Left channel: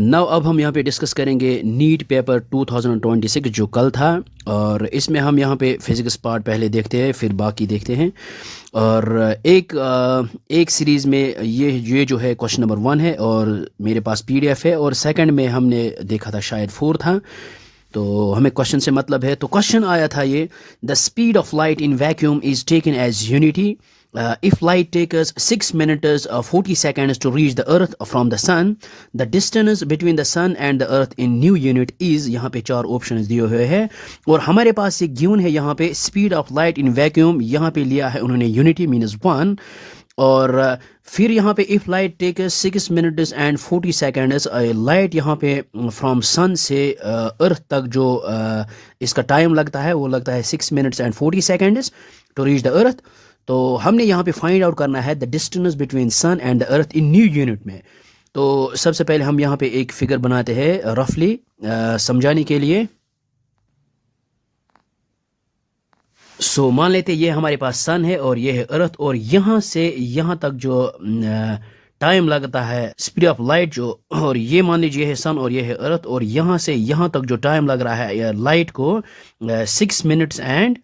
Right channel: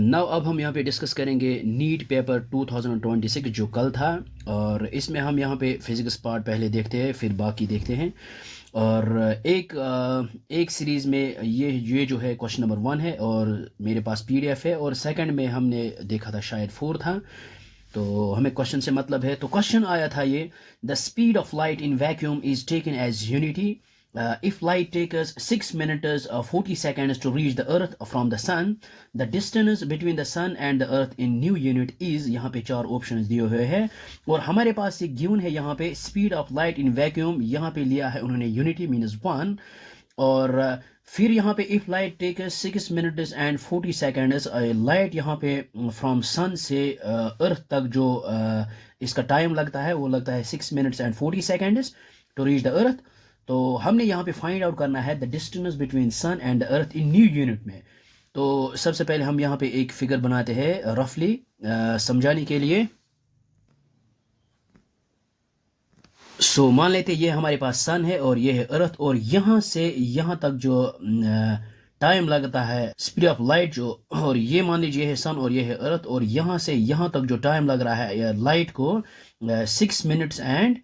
Now अब हम यहाँ पे डिस्कस करेंगे नीट पेपर 2026 जो कल था। और इसमें हम यहाँ पे फिज़िक्स पार्ट पहले देखते हैं, फिर बाकी देखते हैं। और एक सीरीज़ में ये जो है क्वेश्चन नंबर 1 है, और मेरे पास पीडीएफ है, और सेकंड में हमने देखा था शायद 4 था। तो हमें क्वेश्चन से मतलब है। तो क्वेश्चन आया था ये, the speed of light in vacuum is taken as unity if light takes 6 minutes 40 seconds to reach the earth from the sun, the distance between the sun and the earth in new unit is, यहाँ पे 4 options दिए हुए हैं और हमारे पास एक given है यहाँ पे speed of light in vacuum, यहाँ पे लिया है उन्होंने यूनिटी मीनस 1। और फिर यहाँ पे if light takes 6 minutes and 40 seconds, light यहाँ पे फ्रॉम सन से अर्थ तक जो इसका टाइम लगता है वो लगता है 6 minutes and 40 seconds to reach the earth. तो हमने यहाँ पे फाइंड आउट करना है the distance between sun and the earth in new unit में। तो सबसे पहले हम यहाँ पे एक फिगर बनाते हैं रफली समझाने के लिए। सो मान लेते ये हमारे पास सन है और ये है अर्थ, और यहाँ से यहाँ तक जो टाइम लगता है स्पीड ऑफ लाइट जो, और ये मान लीजिए है सन और ये है अर्थ, और यहाँ से यहाँ तक जो टाइम लग रहा है लाइट को 6 मिनट्स एंड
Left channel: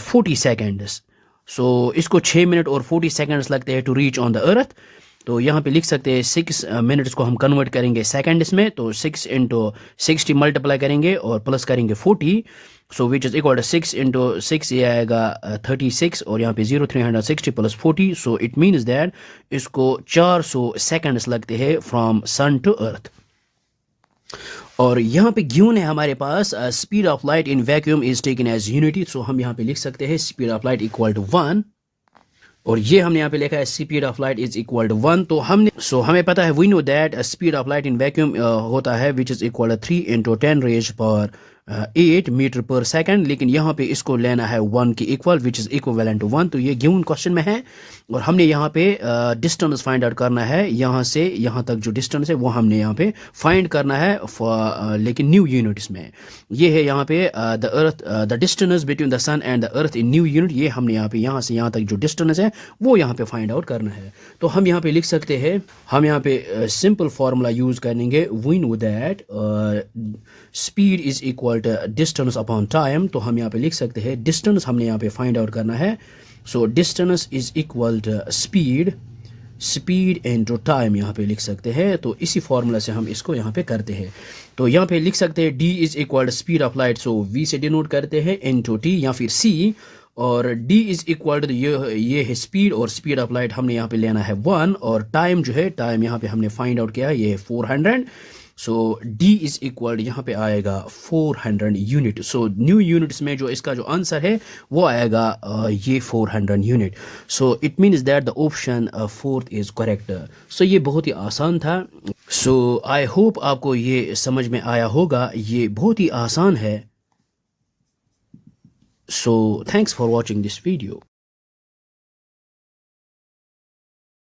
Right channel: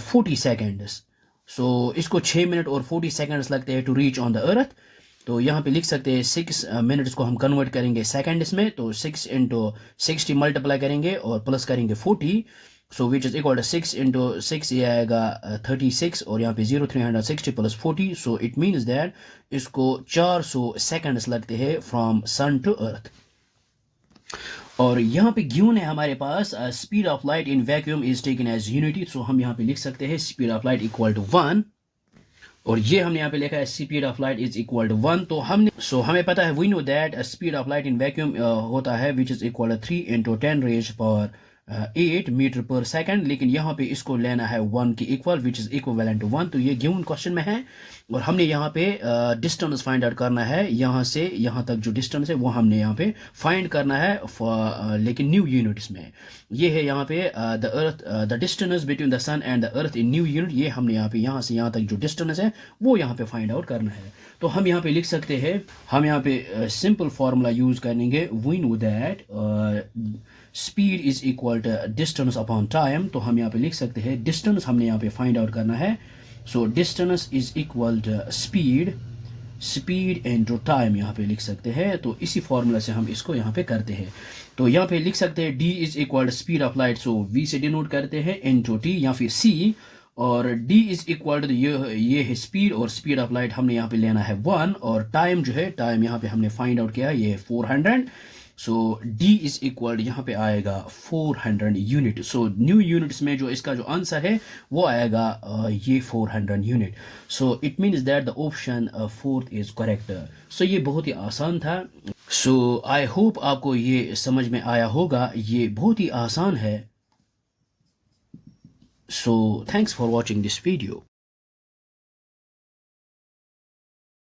40 सेकेंड्स। सो इसको 6 मिनट और 40 सेकेंड्स लगते हैं to reach on the earth. तो यहाँ पे लिख सकते हैं 6 मिनट्स को हम कन्वर्ट करेंगे सेकेंड्स में, तो 6 इंटू 60 मल्टीप्लाई करेंगे और प्लस करेंगे 40। So which is equal to 6 into 6, ये आएगा 36, और यहाँ पे 360 plus 40। So it means that इसको 400 सेकेंड्स लगते हैं फ्रॉम सन टू अर्थ। और यहाँ पे गिवन है हमारे पास speed of light in vacuum is taken as unity. So हम यहाँ पे लिख सकते हैं speed of light equal to 1, और ये हमने यहाँ पे लिखा है speed of light is equal to 1। तो हमें पता है we know that speed of light in vacuum होता है which is equal to 3 into 10 raise पर 8 मीटर पर सेकंड, लेकिन यहाँ पे इसको लेना है 1 के equal which is equivalent to 1। तो ये गिवन क्वेश्चन में है, और हमने यहाँ पे डिस्टेंस फाइंड आउट करना है, यहाँ से यहाँ तक जो डिस्टेंस है वो हमने यहाँ पे फाइंड करना है लेकिन न्यू यूनिट्स में। ये है यहाँ पे the earth, the distance between the sun and the earth in new unit. ये हमने यहाँ पे यहाँ से यहाँ तक जो डिस्टेंस है वो यहाँ पे फाइंड आउट करना है। तो हम यहाँ पे लिख सकते हैं, हम यहाँ पे सिंपल फार्मूला यूज करेंगे, we know that speed is equal to distance upon time. तो हम यहाँ पे लिख सकते हैं डिस्टेंस हमने यहाँ पे फाइंड आउट करना है। So distance is equal to speed into time यहाँ पे लिख सकते हैं। तो इसी फॉर्मूला से हम इसको यहाँ पे करते हैं। तो यहाँ पे लिख सकते हैं d is equal to speed of light, so v से डिनोट करते हैं इनटू t या फिर c, और d इज इक्वल टू ये है स्पीड, और स्पीड ऑफ लाइट हमने यहाँ पे लेना है 1, और टाइम जो है टाइम यहाँ पे हमने फाइंड आउट किया ये है 400। सो d इज इक्वल यहाँ पे आएगा 400 यूनिट। सो न्यू यूनिट्स में जो इसका जो आंसर है वो आएगा ये 400 unit. So it means that the option 4th is correct. So ये बहुत ही आसान था। सो आई होप आपको ये समझ में आया होगा, ये बहुत ही आसान है। So thanks for watching this video.